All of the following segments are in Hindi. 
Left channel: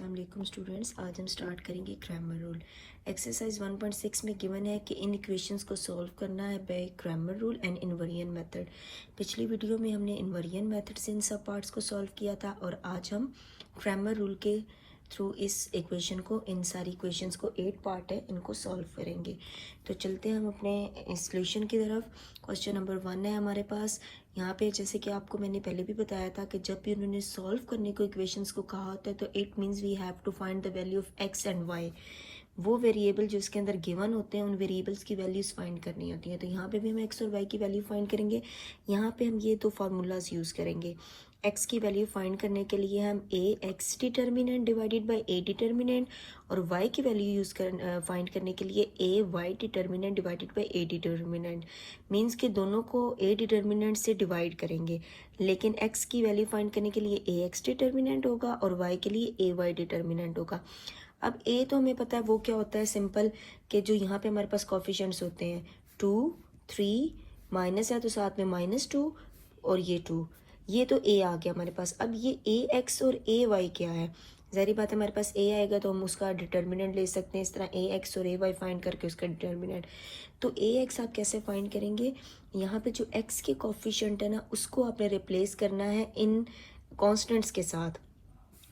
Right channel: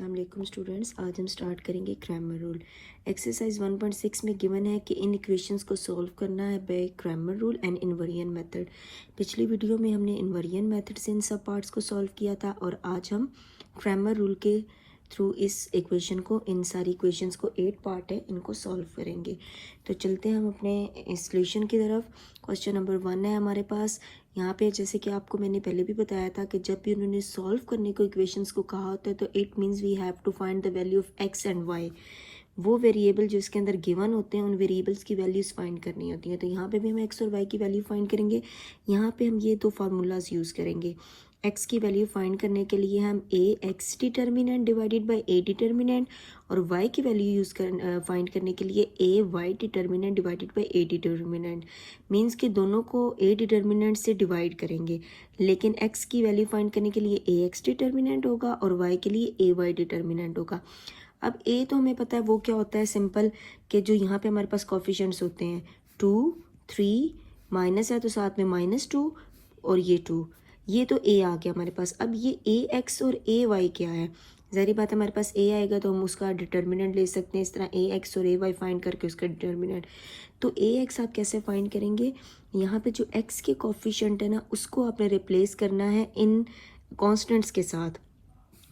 अस्सलाम वालेकुम स्टूडेंट्स, आज हम स्टार्ट करेंगे क्रैमर रूल। एक्सरसाइज 1.6 में गिवन है कि इन इक्वेशंस को सॉल्व करना है by Cramer rule and invariant method. पिछली वीडियो में हमने इनवेरिएंट मेथड से इन सब पार्ट्स को सॉल्व किया था और आज हम क्रैमर रूल के थ्रू इस इक्वेशन को, इन सारी इक्वेशंस को 8 पार्ट है, इनको सॉल्व करेंगे। तो चलते हैं हम अपने सॉल्यूशन की तरफ। क्वेश्चन नंबर 1 है हमारे पास। यहाँ पे जैसे कि आपको मैंने पहले भी बताया था कि जब भी उन्होंने सॉल्व करने को इक्वेशंस को कहा होता है तो it means we have to find the value of X and Y. वो वेरिएबल जो इसके अंदर गिवन होते हैं उन वेरिएबल्स की वैल्यूज फाइंड करनी होती है। तो यहाँ पे भी हम एक्स और वाई की वैल्यू फाइंड करेंगे। यहाँ पे हम ये दो फार्मूलाज यूज़ करेंगे। एक्स की वैल्यू फाइंड करने के लिए हम a x determinant divided by a determinant, और वाई की वैल्यू फाइंड करने के लिए a Y determinant divided by a determinant. Means कि दोनों को ए डिटर्मिनेंट से डिवाइड करेंगे, लेकिन एक्स की वैल्यू फाइंड करने के लिए ए एक्स डिटर्मिनेंट होगा और वाई के लिए ए वाई डिटर्मिनेंट होगा। अब ए तो हमें पता है वो क्या होता है, सिंपल, कि जो यहाँ पे हमारे पास कोफिशिएंट्स होते हैं 2 3 माइनस है तो साथ में -2 और ये 2, ये तो ए आ गया हमारे पास। अब ये ए एक्स और ए वाई क्या है, ज़ाहिर बात है हमारे पास ए आएगा तो हम उसका डिटर्मिनेंट ले सकते हैं, इस तरह ए एक्स और ए वाई फाइंड करके उसका डिटर्मिनेंट। तो ए एक्स आप कैसे फाइंड करेंगे, यहाँ पे जो एक्स के कोफिशिएंट है ना उसको आपने रिप्लेस करना है इन कॉन्स्टेंट्स के साथ।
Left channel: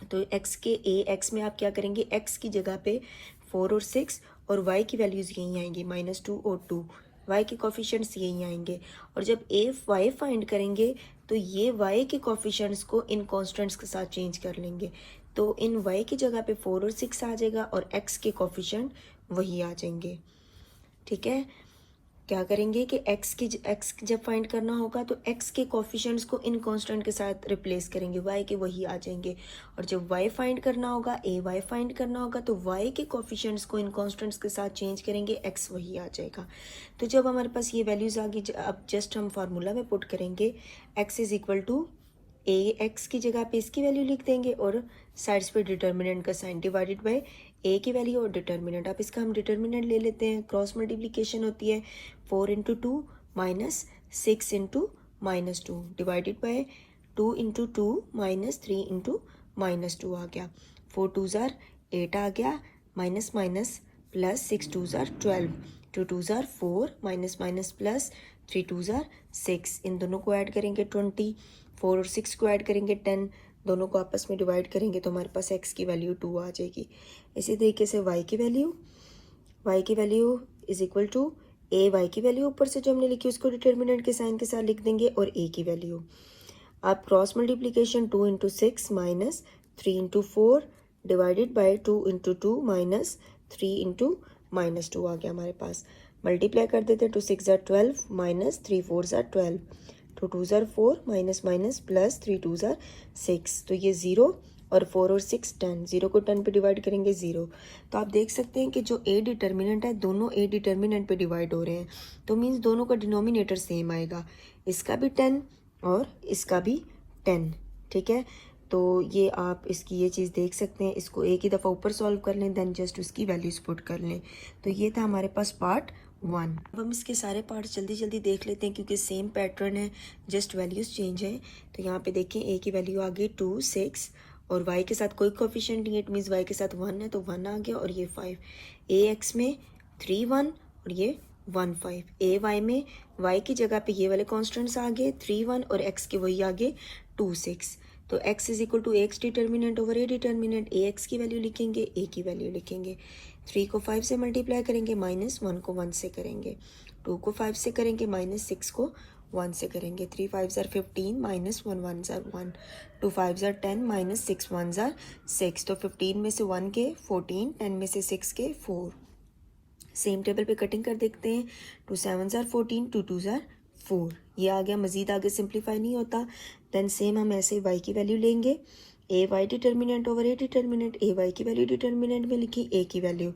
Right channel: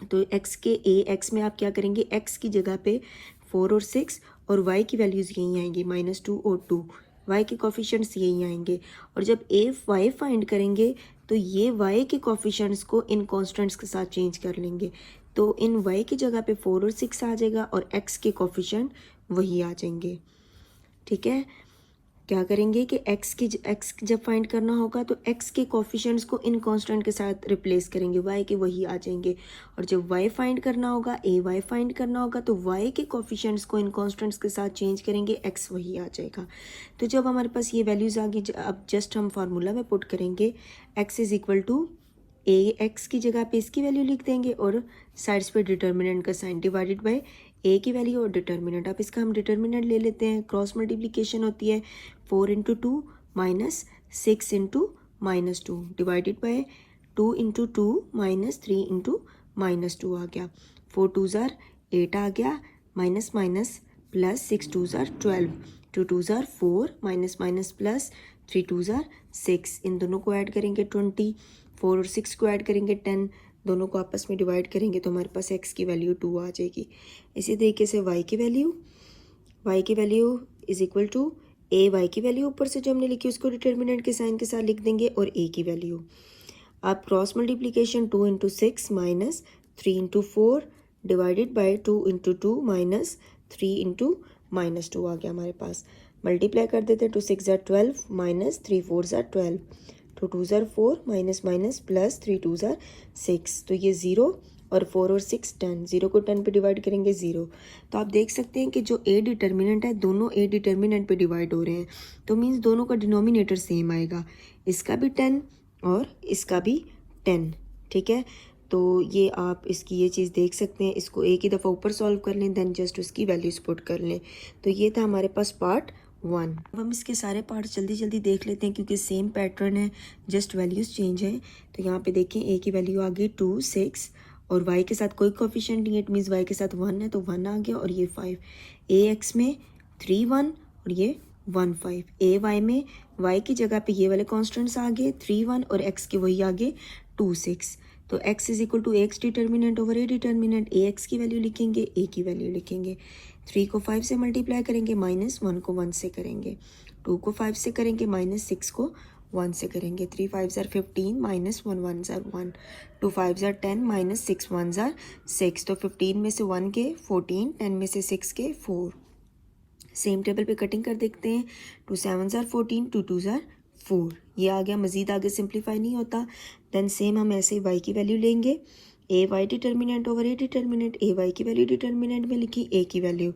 तो x के ए एक्स में आप क्या करेंगे, x की जगह पे 4 और 6 और y की वैल्यूज़ यही आएंगी -2 और 2, y के कोफिशिएंट्स यही आएंगे। और जब a y फाइंड करेंगे तो ये y के कोफिशिएंट्स को इन कॉन्स्टेंट्स के साथ चेंज कर लेंगे। तो इन y की जगह पे 4 और 6 आ जाएगा और x के कोफिशिएंट वही आ जाएंगे। ठीक है, क्या करेंगे कि x जब फाइंड करना होगा तो x के कोफिशिएंट्स को इन कांस्टेंट के साथ रिप्लेस करेंगे, y के वही आ जाएंगे। और जब y फाइंड करना होगा, ay फाइंड करना होगा तो y के कोफिशिएंट्स को इन कांस्टेंट्स के साथ चेंज करेंगे, x वही आ जाएगा। तो जब हमारे पास ये वैल्यूज आ गई, अब जस्ट हम फार्मूला में पुट करेंगे x is equal to A x की जगह पे इसकी वैल्यू लिख देंगे और साइड्स पे डिटर्मिनेंट का साइन डिवाइडेड बाय ए की वैल्यू और डिटर्मिनेंट। अब इसका हम डिटर्मिनेंट ले लेते हैं, क्रॉस मल्टीप्लिकेशन होती है 4 into 2 minus 6 into -2 divided by 2 into 2 minus 3 into -2 आ गया। 4 2 ज़ार 8 आ गया, माइनस माइनस प्लस 6 2 ज़ार 12, 2 2 ज़ार 4 माइनस माइनस प्लस 3 2 ज़ार 6। इन दोनों को ऐड करेंगे 20, 4 और 6 को ऐड करेंगे 10, दोनों को आपस में डिवाइड करेंगे तो हमारे पास x की वैल्यू 2 आ जाएगी। इसी तरीके से y की value is equal to A Y की वैल्यू ऊपर से जो हमने लिखी उसको डिटर्मिनेंट के साइन के साथ लिख देंगे और a की वैल्यू। अब cross multiplication 2 into 6 minus 3 into 4 divided by 2 into 2 minus 3 into -2 आ गया हमारे पास। मल्टीप्लाई कर देते, 2 6 ज़ार 12 माइनस 3 4 ज़ार 12, 2 2 ज़ार 4 माइनस माइनस प्लस 3 2 ज़ार 6। तो ये 0 और 4 और 6 10, 0 को 10 पे डिवाइड करेंगे 0। तो आप देख सकते हैं कि जो ए डिटर्मिनेंट है दोनों ए डिटर्मिनेंट पे डिवाइड हो रहे हैं, तो मीन्स दोनों का डिनोमिनेटर सेम आएगा, इसका भी 10 और इसका भी 10। ठीक है, तो ये आप इसकी ये चीज़ देख सकते हैं, इसको एक ही दफ़ा ऊपर सॉल्व कर लें, देन जस्ट उसकी वैल्यूज पुट कर लें। तो ये था हमारे पास पार्ट 1। अब हम इसके सारे पार्ट्स जल्दी जल्दी देख लेते हैं क्योंकि सेम पैटर्न है, जस्ट वैल्यूज चेंज है। तो यहाँ पे देखें ए की वैल्यू आ गई 2 6 और y के साथ कोई कोफिशिएंट नहीं है, इट मीन्स y के साथ 1 है तो 1 आ गया और ये 5। ए एक्स में 3 1 और ये 1 5। ए वाई में y की जगह पे ये वाले कॉन्स्टेंट्स आ गए 3 1 और x के वही आ गए 2 6। तो x is equal to X determinant over A determinant, A x की वैल्यू लिखेंगे, ए की वैल्यू लिखेंगे। 3 को 5 से मल्टीप्लाई करेंगे, -1 को 1 से करेंगे, 2 को 5 से करेंगे, -6 को 1 से करेंगे। 3 5 ज़ार 15 माइनस 1 1 ज़ार 1, 2 5 ज़ार 10 माइनस 6 1 ज़ार 6। तो 15 में से 1 के 14, 10 में से 6 के 4। सेम टेबल पे कटिंग कर देखते हैं, 2 7 ज़ार 14, 2 2 ज़ार 4, ये आ गया। मजीद आगे सिंप्लीफाई नहीं होता। देन सेम हम ऐसे y की वैल्यू लेंगे, a Y determinant over A determinant, A Y की वैल्यू डिटर्मिनेंट में लिखी, ए की value.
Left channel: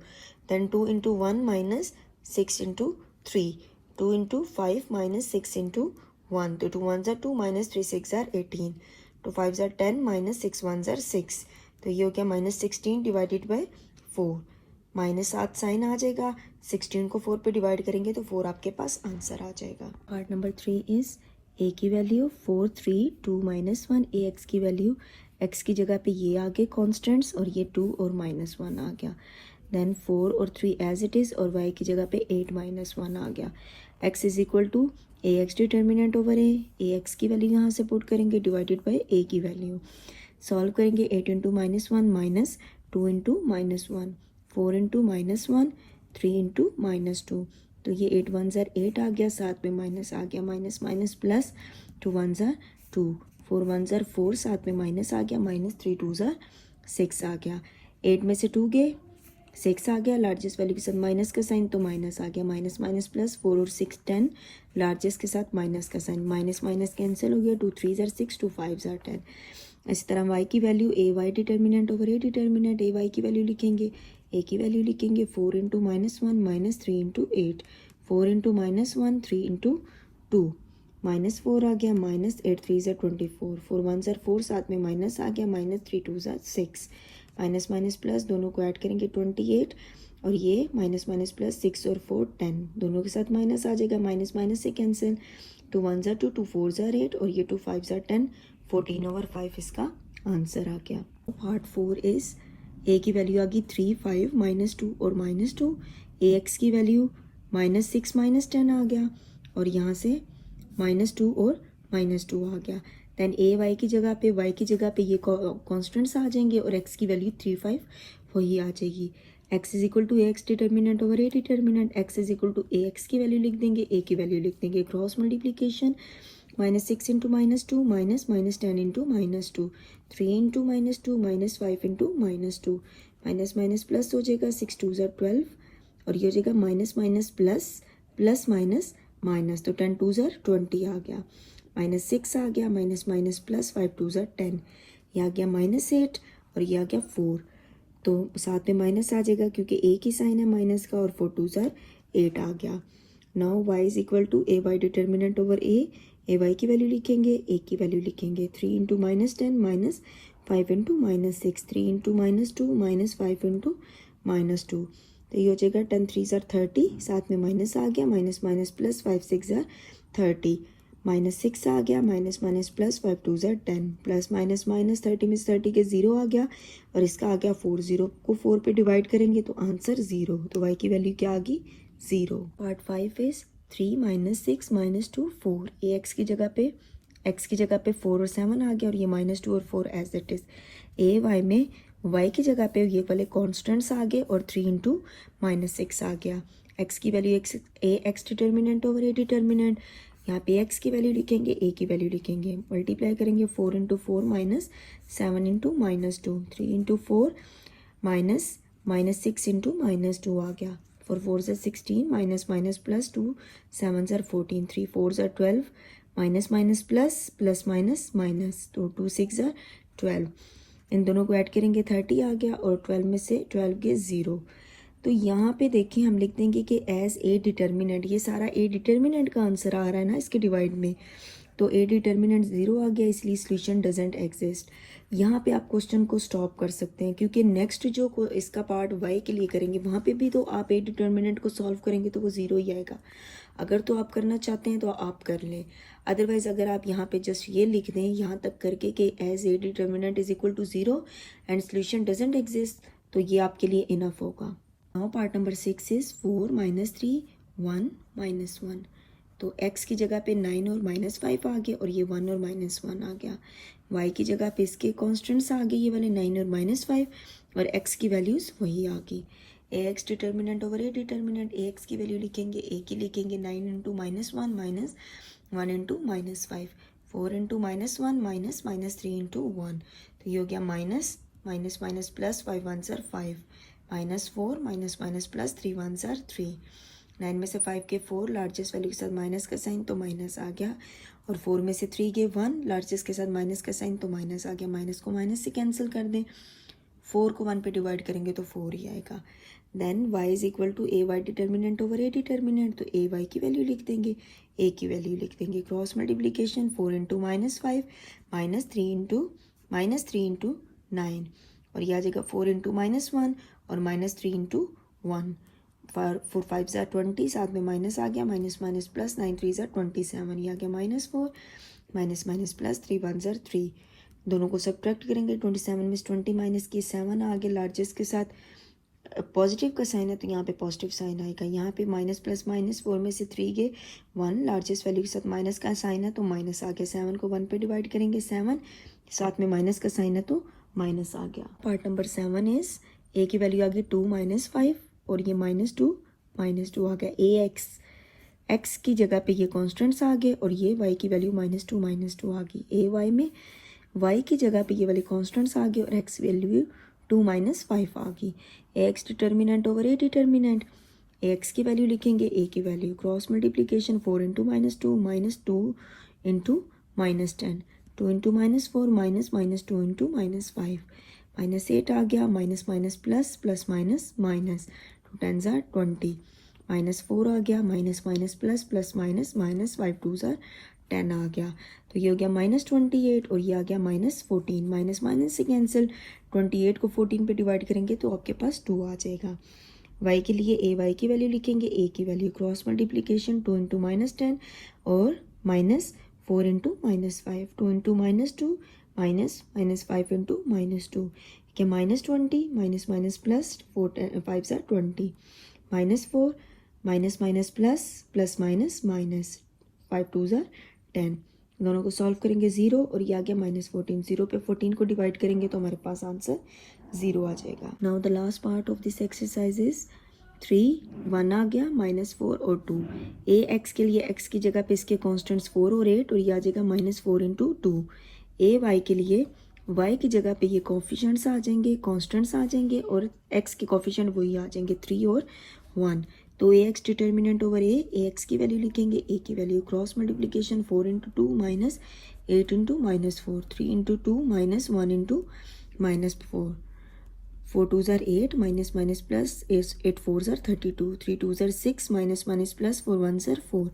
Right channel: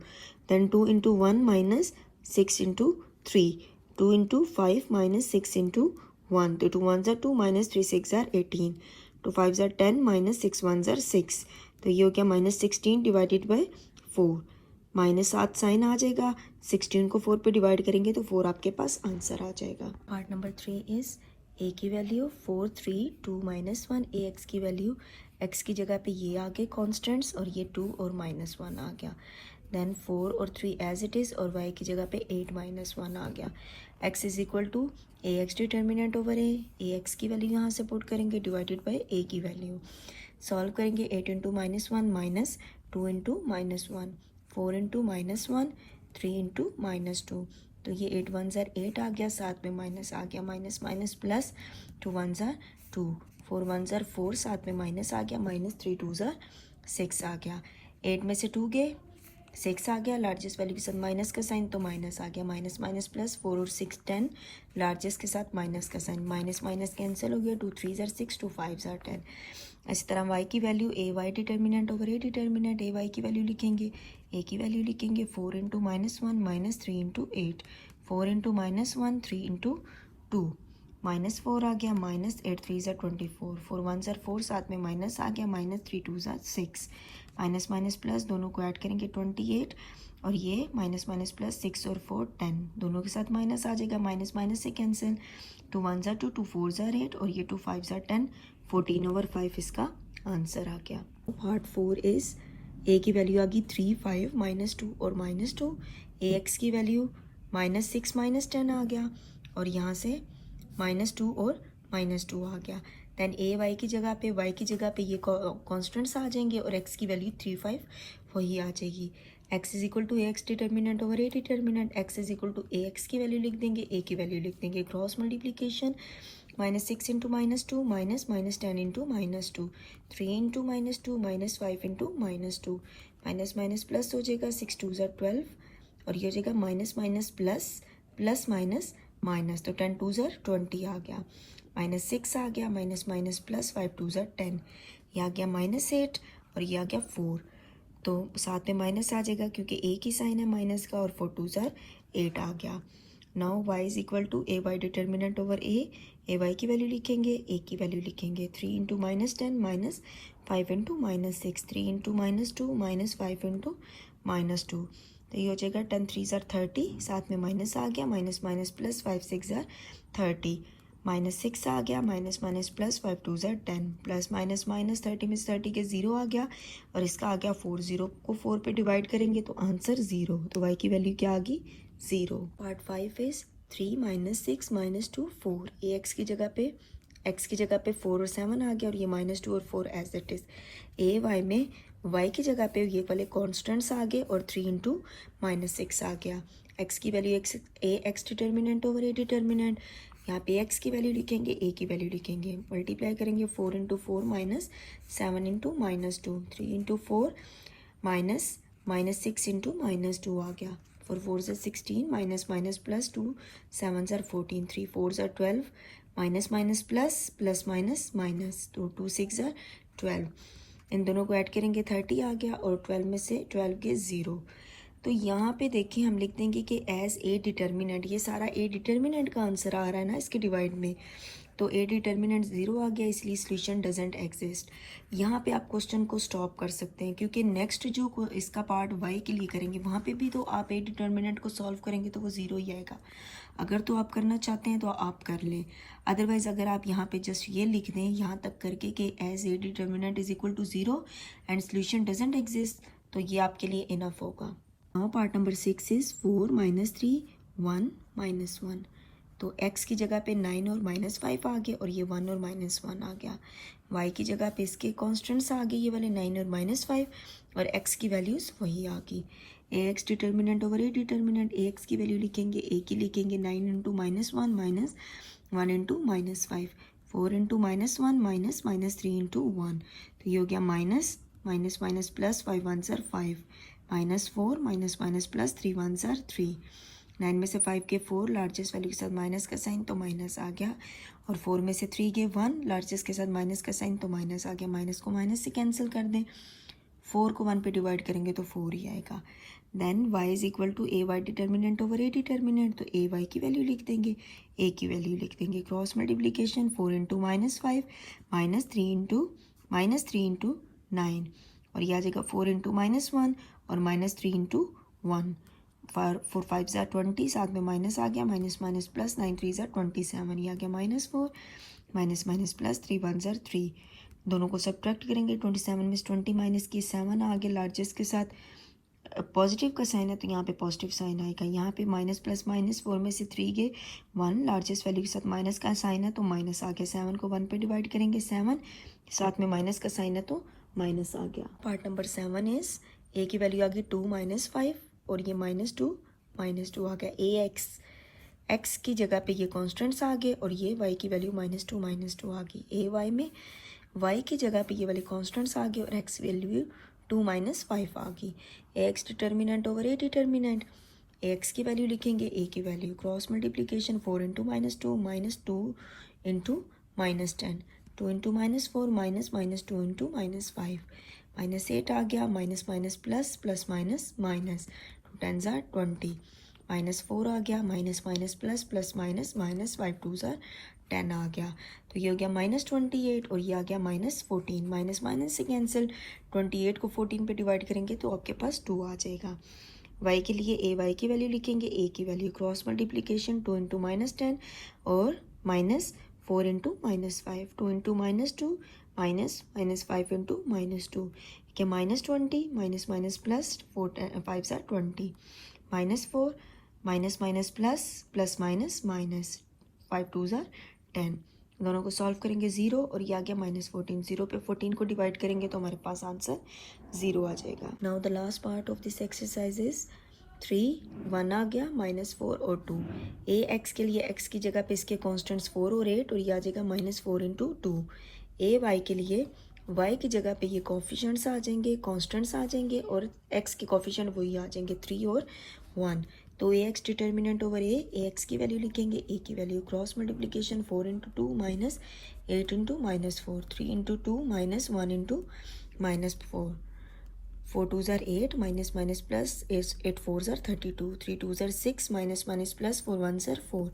Then 2 into 1 minus 6 into 3, 2 into 5 minus 6 into 1, तो 2 1 ज़ार 2 माइनस 3 6 ज़ार 18, 2 5 ज़ार 10 माइनस 6 1 ज़ार 6। तो ये हो गया -16 डिवाइडेड बाय 4, -7 साइन आ जाएगा, 16 को 4 पे डिवाइड करेंगे तो 4 आपके पास आंसर आ जाएगा। पार्ट नंबर 3 इज ए की वैल्यू 4 3 2 -1, ए एक्स की वैल्यू एक्स की जगह पे ये आ गए कॉन्स्टेंट्स और ये 2 और -1 आ गया। देन 4 और 3 एज इट इज़ और वाई की जगह पे 8 -1 आ गया। X is equal to A x determinant over A x की वैल्यू यहाँ से पुट करेंगे डिवाइडेड बाई ए की वैल्यू। सॉल्व करेंगे 8 into -1 minus 2 into -1 4 into -1 3 into -2 तो ये 8 1 ज़ार 8 आ गया, साथ में माइनस आ गया, माइनस माइनस प्लस 2 1 ज़ार 2 4 1 ज़ार 4 साथ में माइनस आ गया, माइनस 3 2 ज़ार 6 आ गया। 8 में से 2 गए 6 आ गया, लार्जेस्ट वैल्यू के साथ माइनस का साइन तो माइनस आ गया, माइनस माइनस प्लस 4 और 6 10 लार्जेस्ट के साथ माइनस का साइन, माइनस माइनस कैंसिल हो गया, 2 3 ज़ार 6 2 5 ज़ार 10। इसी तरह वाई की value A Y determinant over A determinant, A Y की वैल्यू लिखेंगे, ए की वैल्यू लिखेंगे 4 into -1 minus 3 into 8 4 into -1 3 into 2 -4 आ गया, माइनस 8 3 ज़ार 24 4 1 ज़ार 4 साथ में माइनस आ गया, माइनस 3 2 ज़ार 6 माइनस माइनस प्लस दोनों को ऐड करेंगे 28 और ये माइनस माइनस प्लस 6 और 4 10 दोनों के साथ माइनस आ जाएगा, माइनस माइनस से कैंसिल 2 1 ज़ार 2 2 4 ज़ार 8 और ये 2 5 ज़ार 10 14 ओवर 5 इसका आंसर आ गया। पार्ट 4 इज ए की वैल्यू आ गई 3 5 -2 और -2 ए एक्स की वैल्यू -6 -10 आ गया और यहाँ से -2 और -2 आ गया। देन ए वाई की जगह पे ये कॉन्स्टेंट्स आ जाएंगे और एक्स की वैल्यू 3 5 वही आ जाएगी। X is equal to A x determinant over A determinant, X is equal to A x की वैल्यू लिख देंगे, ए की वैल्यू लिख देंगे, cross multiplication -6 into -2 minus minus 10 into -2 3 into -2 -5 into -2 minus minus plus हो जाएगा, 6 2 ज़ार 12 और ये हो जाएगा minus minus plus plus minus minus तो 10 2 ज़ार 20 आ गया, -6 आ गया, माइनस माइनस प्लस 5 2 ज़ार 10 ये आ गया -8 और ये आ गया 4 तो साथ में माइनस आ जाएगा क्योंकि ए की साइन है माइनस का और 4 2 ज़ार 8 आ गया। Now y is equal to A Y determinant over A Y की वैल्यू लिखेंगे, ए की वैल्यू लिखेंगे 3 into -10 minus 5 into -6 3 into -2 minus 5 into -2 तो ये हो जाएगा 10 3 ज़ार 30 साथ में माइनस आ गया, माइनस माइनस प्लस 5 6 ज़ार 30 -6 आ गया, माइनस माइनस प्लस 5 2 ज़ार 10 प्लस माइनस माइनस 30 में से 30 के 0 आ गया और इसका आ गया 4 0 को 4 पे डिवाइड करेंगे तो आंसर 0 तो y की वैल्यू क्या आ गई 0। पार्ट 5 इज 3 -6 -2 4 ए एक्स की जगह पे 4 और 7 आ गया और ये -2 और 4 as it is. A Y में y की जगह पे ये वाले कॉन्स्टेंट्स आ गए और 3 इंटू -6 आ गया। x की वैल्यू ए एक्स डिटर्मिनेंट ओवर ए डिटर्मिनेंट, यहाँ पे x की वैल्यू लिखेंगे, a की वैल्यू लिखेंगे, मल्टीप्लाई करेंगे 4 into 4 minus 7 into -2 3 into 4 minus 6 into -2 आ गया, 4 4 ज़ार 16 माइनस माइनस प्लस 2 7 ज़ार 14 3 4 ज़ार 12 minus minus plus plus minus minus तो 2 6 ज़ार 12 इन दोनों को ऐड करेंगे 30 आ गया और 12 में से 12 के 0 तो यहाँ पे देखिए हम लिख देंगे कि एज ए डिटर्मिनेंट, ये सारा ए डिटर्मिनेंट का आंसर आ रहा है ना इसके डिवाइड में, तो ए डिटर्मिनेंट 0 आ गया इसलिए सॉल्यूशन डजंट एग्जिस्ट। यहाँ पे आप क्वेश्चन को स्टॉप कर सकते हैं क्योंकि नेक्स्ट जो इसका पार्ट वाई के लिए करेंगे वहाँ पे भी तो आप ए डिटर्मिनेंट को सॉल्व करेंगे तो वो 0 ही आएगा। अगर तो आप करना चाहते हैं तो आप कर लें, अदरवाइज अगर आप यहाँ पे जस्ट ये लिख दें यहाँ तक करके कि as A determinant is equal to 0 and solution doesn't exist तो ये आपके लिए इनफ होगा। नाउ पार्ट नंबर 6 इज 4 -3 1 -1 तो x की जगह पे 9 और -5 आ गए और ये 1 और -1 आ गया। y की जगह पे इसके कॉन्स्टेंट्स आ गए ये वाले 9 और -5 और x की वैल्यूज़ वही आ गई। A x determinant over A determinant, A x की वैल्यू लिखेंगे, ए की लिखेंगे 9 into -1 minus 1 into -5 4 into -1 minus minus 3 into 1 तो ये हो गया माइनस माइनस माइनस प्लस 5 1 ज़ार 5 -4 माइनस माइनस प्लस 3 1 ज़ार 3 9 में से 5 के 4 लार्जेस्ट वैल्यू के साथ माइनस का साइन तो माइनस आ गया और 4 में से 3 के 1 लार्जेस्ट के साथ माइनस का साइन तो माइनस आ गया, माइनस को माइनस से कैंसिल कर दें, 4 को 1 पे डिवाइड करेंगे तो 4 ही आएगा। Then y is equal to A Y determinant over A determinant, तो ए वाई की वैल्यू लिख देंगे, ए की वैल्यू लिख देंगे, क्रॉस मल्टीप्लीकेशन 4 इंटू -5 -3 इंटू 9 और यह आ जाएगा 4 इंटू -1 और -3 इंटू 1 4 5 ज़ार 20 साथ में माइनस आ गया, माइनस माइनस प्लस 9 3 ज़ार 27 ये आ गया -4 माइनस माइनस प्लस 3 1 ज़ार 3 दोनों को सब्ट्रैक्ट करेंगे, 27 में से 20 माइनस किए 7 आ गया, लार्जेस्ट के साथ पॉजिटिव का साइन है तो यहाँ पे पॉजिटिव साइन आएगा। यहाँ पे माइनस प्लस माइनस 4 में से 3 गए 1, लार्जेस्ट वैल्यू के साथ माइनस का साइन है तो माइनस आ गया। 7 को 1 पे डिवाइड करेंगे 7, साथ में माइनस का साइन है तो माइनस आ गया। पार्ट नंबर 7 इज ए की वैल्यू आ गई 2 माइनस 5 और ये -2 आ गया। ए एक्स की जगह पे ये कॉन्स्टेंट्स आ गए और ये वाई की वैल्यू -2 आ गई। ए वाई में वाई की जगह पे ये वाले कॉन्स्टेंट्स आ गए और एक्स वैल्यू 2 माइनस 5 आ गई। A x determinant over A determinant, A x की वैल्यू लिखेंगे, ए की value, cross multiplication 4 into -2 into -10, 2 into -4 -2 into -5, -8 आ गया, minus minus plus plus minus minus, 2 10 ज़ार 20, -4 आ गया, minus minus plus plus minus minus, 5 2 ज़ार 10 आ गया। तो ये हो गया -28 और ये आ गया -14, माइनस माइनस से कैंसिल, 28 को 14 पे डिवाइड करेंगे तो आपके पास 2 आ जाएगा। y के लिए ए वाई की वैल्यू लिखेंगे, ए की वैल्यू, क्रॉस मल्टीप्लीकेशन 2 इंटू -10 और -4 इंटू -5, 2 इंटू -2 -5 इंटू -2, क्या -20, माइनस माइनस प्लस 4 5 ज़ार 20, -4 minus minus plus plus minus minus, 5 2 ज़ार 10, दोनों को सॉल्व करेंगे 0 और ये आ गया -14, 0 पे 14 को डिवाइड करेंगे तो हमारे पास आंसर 0 आ जाएगा। Now the last part of this exercise is 3 1 आ गया, -4 और 2। ए एक्स के लिए एक्स की जगह पे इसके कॉन्स्टेंट्स 4 और 8 और ये आ जाएगा -4 इंटू 2। ए वाई के लिए वाई की जगह पे ये कॉफिशेंट्स आ जाएंगे, कॉन्स्टेंट्स आ जाएंगे और एक्स के कॉफिशेंट वही आ जाएंगे 3 और 1। तो ए x determinant over A x की वैल्यू लिखेंगे, ए की value, cross multiplication 4 into 2 -8 into -4, 3 into 2 -1 into -4, 4 2 ज़ार 8, माइनस माइनस प्लस 8 4 ज़ार 32, 3 2 ज़ार 6, माइनस माइनस प्लस 4 1 ज़ार 4,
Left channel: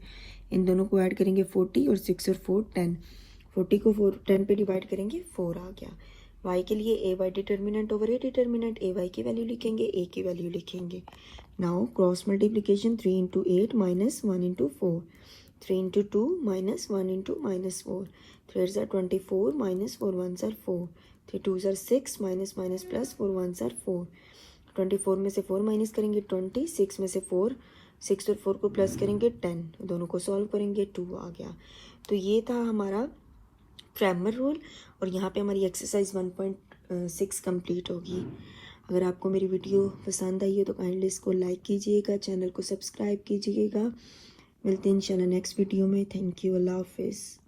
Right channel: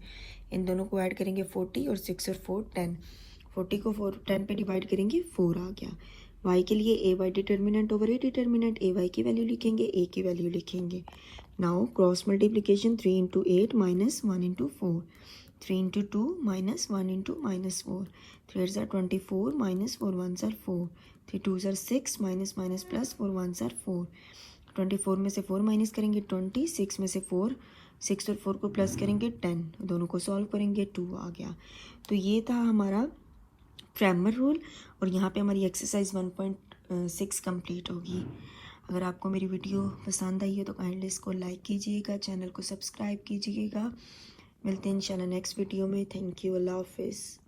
इन दोनों को ऐड करेंगे 40 और 6 और 4 10, 40 को 10 पे डिवाइड करेंगे 4 आ गया। y के लिए a Y determinant over A determinant, A Y की वैल्यू लिखेंगे, ए की वैल्यू लिखेंगे। Now cross multiplication 3 into 8 -1 into 4, 3 into 2 -1 into -4, 3 ज़ार 24, -4 1 ज़ार 4, 3 2 ज़ार 6, माइनस माइनस प्लस 4 1 ज़ार 4, 24 में से 4 माइनस करेंगे 20, 6 में से 4, 6 और 4 को प्लस करेंगे 10, दोनों को सॉल्व करेंगे 2 आ गया। तो ये था हमारा क्रैमर रूल और यहाँ पे हमारी एक्सरसाइज 1.6 कंप्लीट होगी। अगर आपको मेरी वीडियो पसंद आई हो तो काइंडली इसको लाइक कीजिएगा, चैनल को सब्सक्राइब कीजिएगा। मिलते हैं इंशाल्लाह नेक्स्ट वीडियो में। थैंक यू, अल्लाह हाफिज़।